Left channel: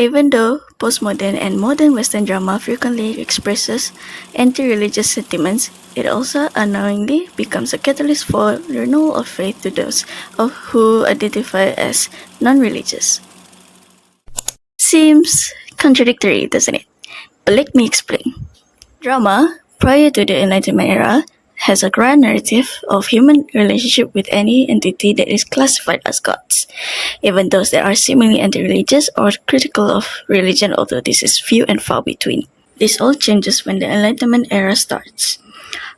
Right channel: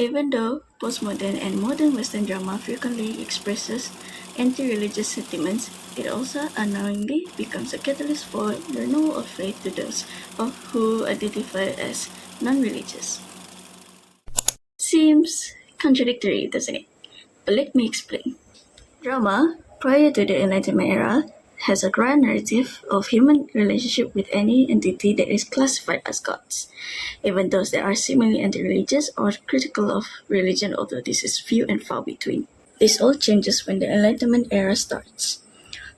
Even though postmodern and modern Western drama frequently expresses anti-religious sentiments, it also unknowingly becomes a catalyst for renewal of faith to those who identify as non-religious. Seems contradictory, doesn't it? But let me explain. Drama, prior to the Enlightenment era, has a grand narrative of human relationship with any entity that is classified as gods, even those that are seemingly anti-religious or critical of religion, although this is few and far between. This all changes when the Enlightenment era starts.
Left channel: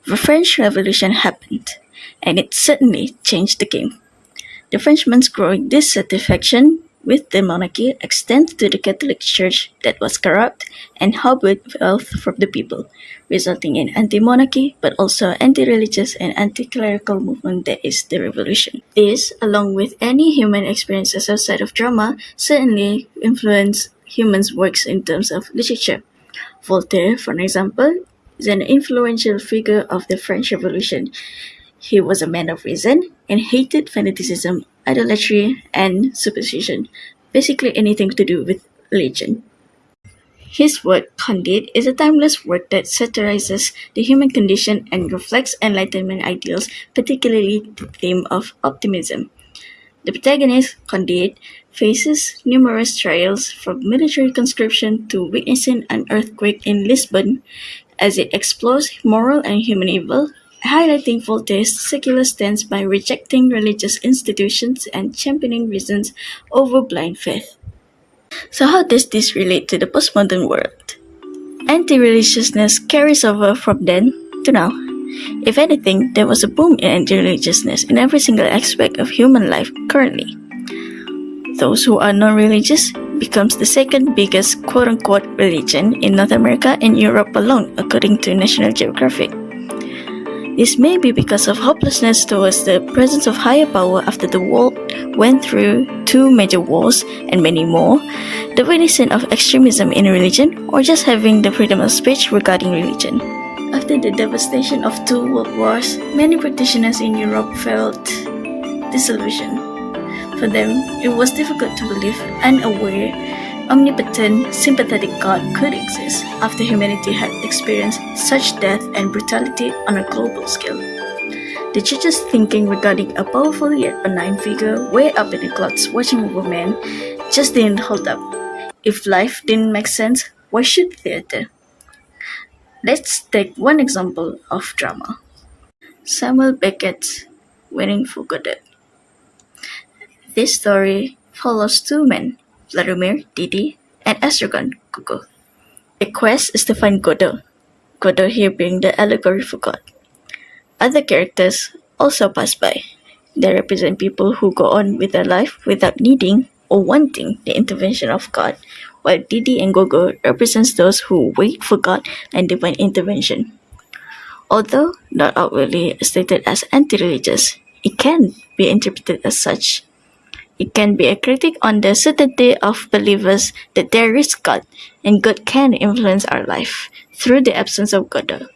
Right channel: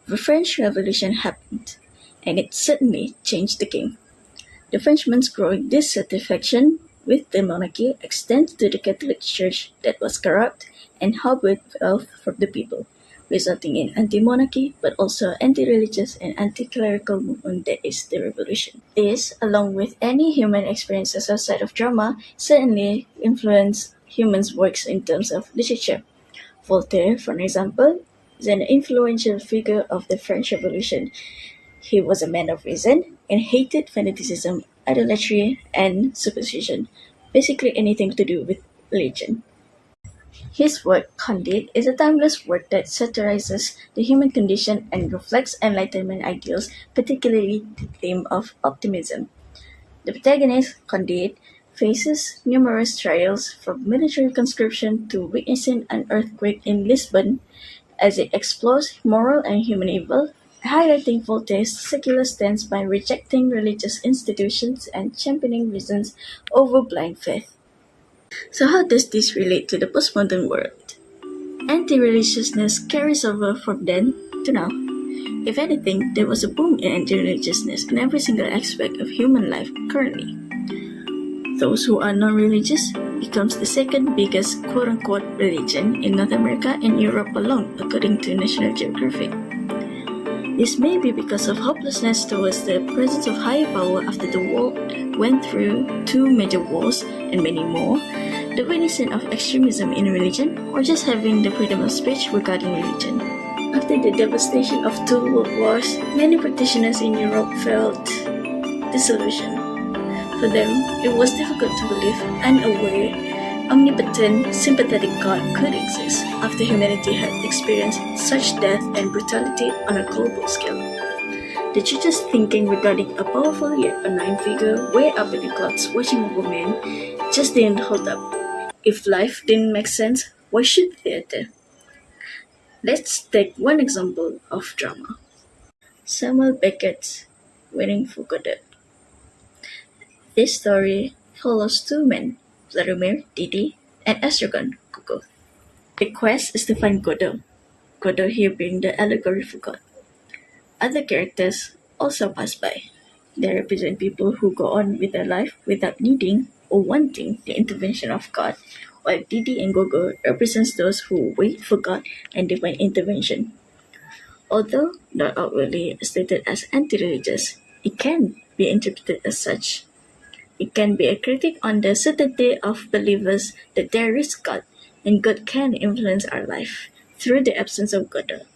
The French Revolution happened, and it certainly changed the game. The Frenchmen's growing dissatisfaction with the monarchy extended to the Catholic Church that was corrupt and harbored wealth from the people, resulting in anti-monarchy but also anti-religious and anti-clerical movement that is the revolution. This, along with any human experiences outside of drama, certainly influenced humans' works in terms of literature. Voltaire, for example, is an influential figure of the French Revolution. He was a man of reason and hated fanaticism, idolatry, and superstition, basically anything to do with religion. His work, Candide, is a timeless work that satirizes the human condition and reflects Enlightenment ideals, particularly the theme of optimism. The protagonist, Candide, faces numerous trials from military conscription to witnessing an earthquake in Lisbon as it explores moral and human evil, highlighting Voltaire's secular stance by rejecting religious institutions and championing reason over blind faith. So, how does this relate to the postmodern world? Anti-religiousness carries over from then to now. If anything, there was a boom in anti-religiousness in every single aspect of human life currently. Those who are non-religious becomes the second biggest quote-unquote religion in North America and Europe alone, according to National Geographic. This may be because of hopelessness towards the presence of higher power after the world went through 2 major wars and many more, the witnessing of extremism in religion, or just having the freedom of speech regarding religion. After the devastation of 2 world wars, many practitioners in Europe felt disillusioned. For them, it was difficult to believe unaware, omnipotent, sympathetic God could exist after humanity had experienced such death and brutality on a global scale. The church's thinking regarding a powerful yet benign figure way up in the clouds watching over men just didn't hold up. If life didn't make sense, why should theater? Let's take one example of drama. Samuel Beckett's Waiting for Godot. This story follows 2 men, Vladimir, Didi, and Estragon, Gogo. The quest is to find Godot, Godot here being the allegory for God. Other characters also pass by. They represent people who go on with their life without needing or wanting the intervention of God, while Didi and Gogo represents those who wait for God and divine intervention. Although not outwardly stated as anti-religious, it can be interpreted as such. It can be a critique on the certainty of believers that there is God and God can influence our life through the absence of Godot.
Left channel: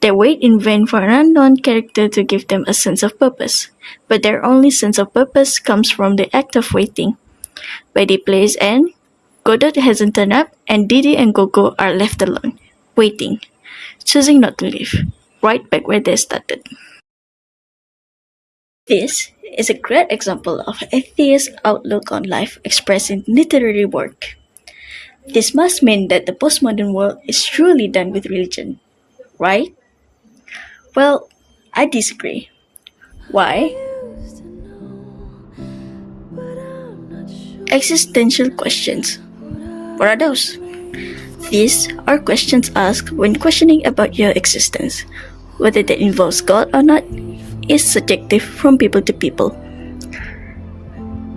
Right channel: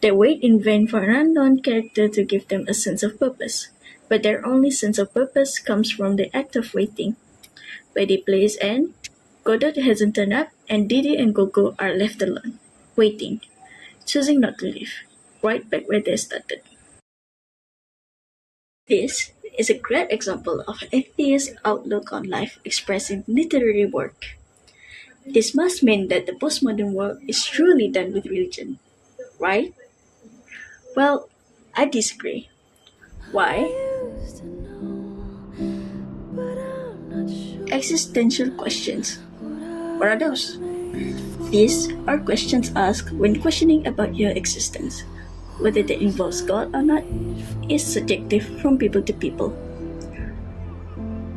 They wait in vain for an unknown character to give them a sense of purpose, but their only sense of purpose comes from the act of waiting. By the play's end, Godot hasn't turned up and Didi and Gogo are left alone, waiting, choosing not to leave, right back where they started. This is a great example of an atheist outlook on life expressed in literary work. This must mean that the postmodern world is truly done with religion, right? Well, I disagree. Why? Existential questions. What are those? These are questions asked when questioning about your existence. Whether that involves God or not is subjective from people to people.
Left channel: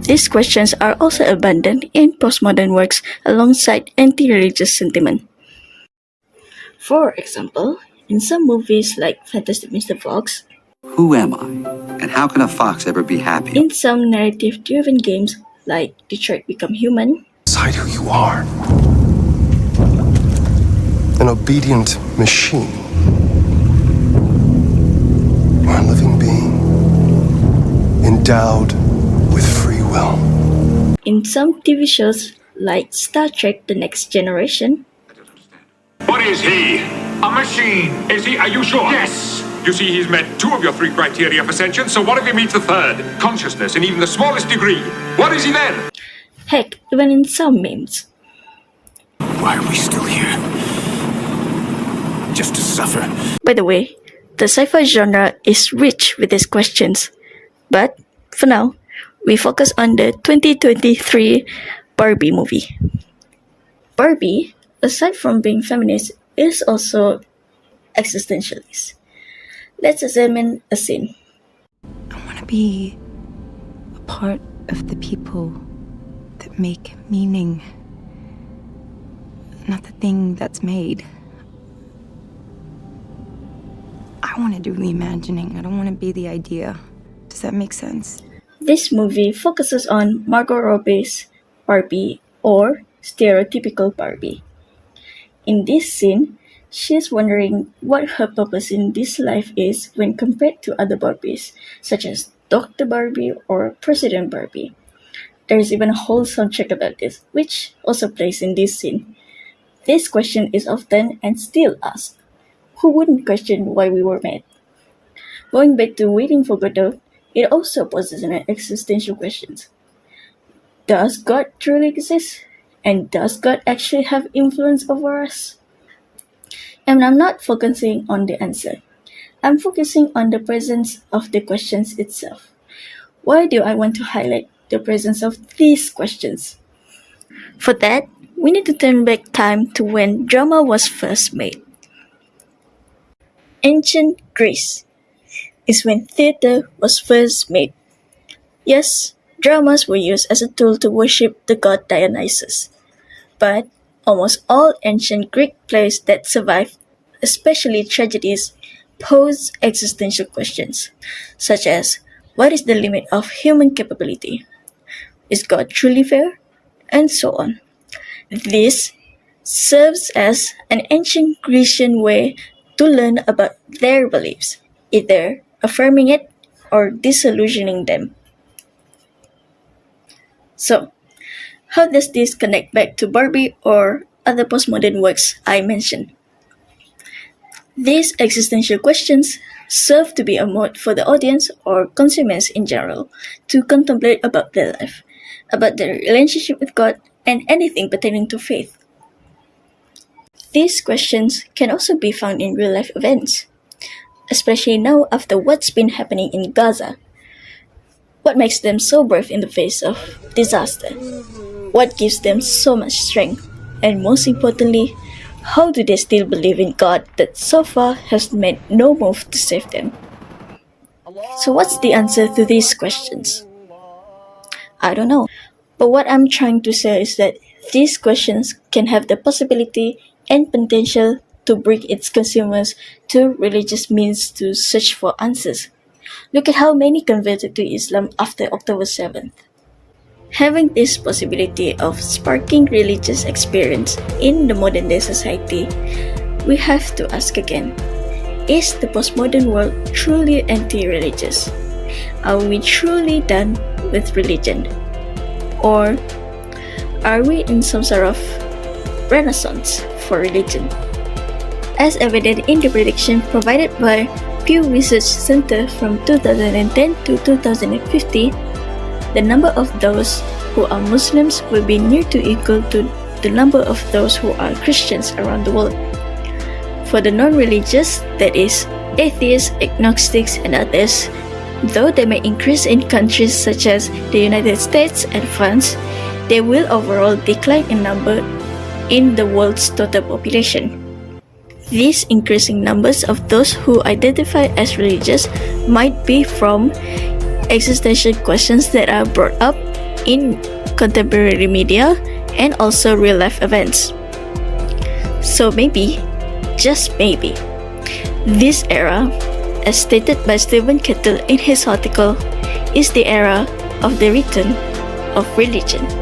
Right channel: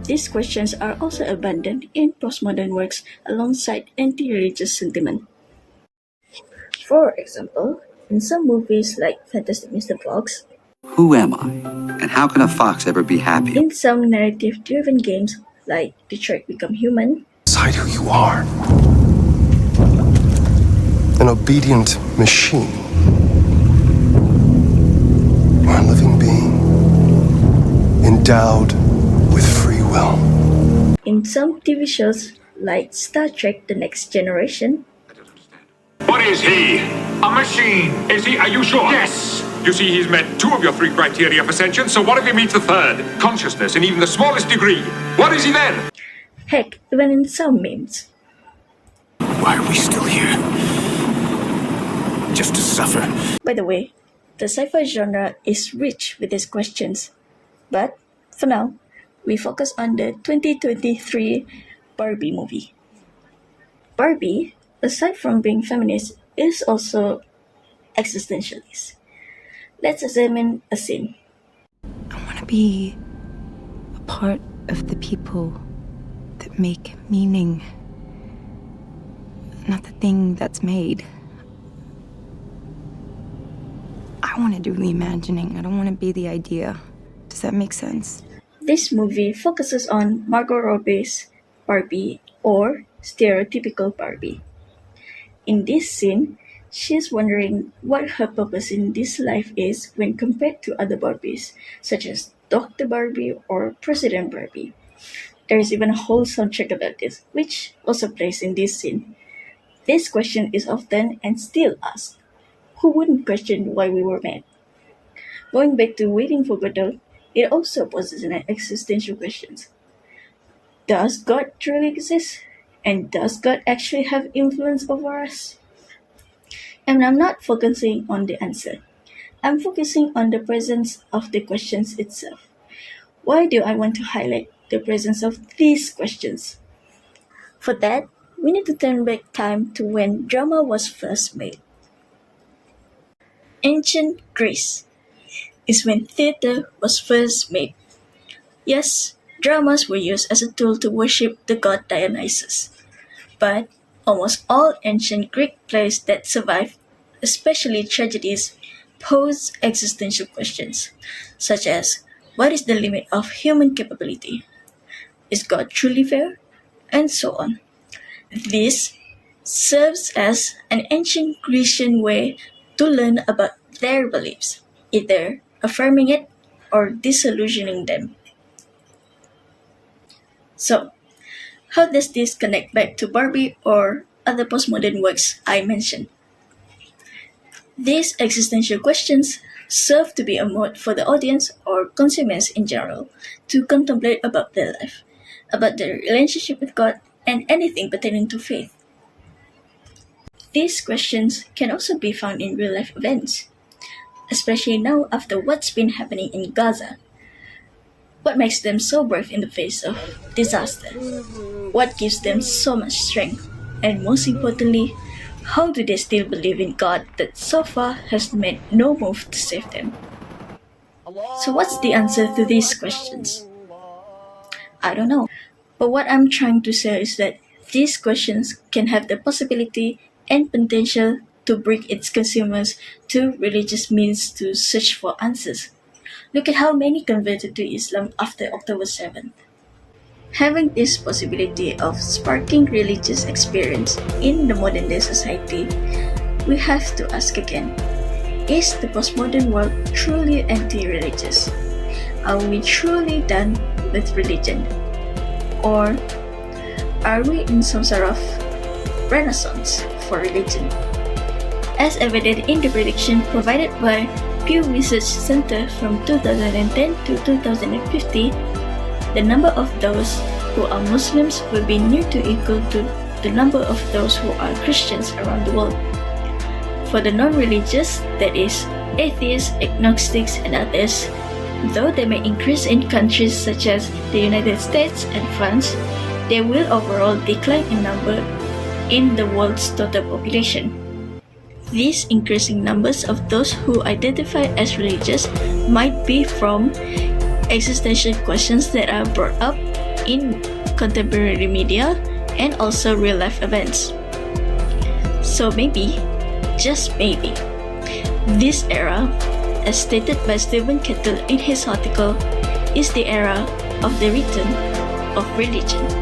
These questions are also abundant in postmodern works alongside anti-religious sentiment. For example, in some movies like Fantastic Mr. Fox, who am I? And how can a fox ever be happy? in some narrative-driven games like Detroit Become Human, Decide who you are. An obedient machine. Or a living being. Endowed with free will. in some TV shows like Star Trek The Next Generation, What is he? A machine. Is he? Are you sure? Yes. You see, he's met 2 of your 3 criteria for sentience, so what if he meets the 3rd? Consciousness in even the smallest degree. What is he then? heck, even in some memes. Why are we still here? Just to suffer. By the way, the sci-fi genre is rich with these questions. But, for now, we focus on the 2023 Barbie movie. Barbie, aside from being feminist, is also existentialist. Let's examine a scene. I want to be a part of the people that make meaning, not the thing that's made. I want to do the imagining. I don't want to be the idea. Does that make sense? This movie focuses on Margot Robbie's Barbie, or stereotypical Barbie. In this scene, she is wondering what her purpose in this life is when compared to other Barbies, such as Dr. Barbie or President Barbie. There is even a whole soundtrack about this, which also plays in this scene. This question is often and still asked. Who wouldn't question why we were made? Going back to Waiting for Godot, it also poses an existential question. Does God truly exist? And does God actually have influence over us? And I'm not focusing on the answer. I'm focusing on the presence of the questions itself. Why do I want to highlight the presence of these questions? For that, we need to turn back time to when drama was first made. Ancient Greece is when theater was first made. Yes, dramas were used as a tool to worship the god Dionysus. But almost all ancient Greek plays that survived, especially tragedies, pose existential questions, such as what is the limit of human capability? Is God truly fair? And so on. This serves as an ancient Grecian way to learn about their beliefs, either affirming it or disillusioning them. So, how does this connect back to Barbie or other postmodern works I mentioned? These existential questions serve to be a mode for the audience or consumers in general to contemplate about their life, about their relationship with God, and anything pertaining to faith. These questions can also be found in real life events, especially now after what's been happening in Gaza. What makes them so brave in the face of disaster? What gives them so much strength? And most importantly, how do they still believe in God that so far has made no move to save them? So what's the answer to these questions? I don't know. But what I'm trying to say is that these questions can have the possibility and potential to bring its consumers to religious means to search for answers. Look at how many converted to Islam after October 7th. Having this possibility of sparking religious experience in the modern day society, we have to ask again, is the postmodern world truly anti-religious? Are we truly done with religion? Or are we in some sort of renaissance for religion? As evident in the prediction provided by Pew Research Center from 2010 to 2050, the number of those who are Muslims will be near to equal to the number of those who are Christians around the world. For the non-religious, that is, atheists, agnostics, and others, though they may increase in countries such as the United States and France, they will overall decline in number in the world's total population. These increasing numbers of those who identify as religious might be from existential questions that are brought up in contemporary media and also real-life events. So maybe, just maybe, this era, as stated by Stephen Kettle in his article, is the era of the return of religion.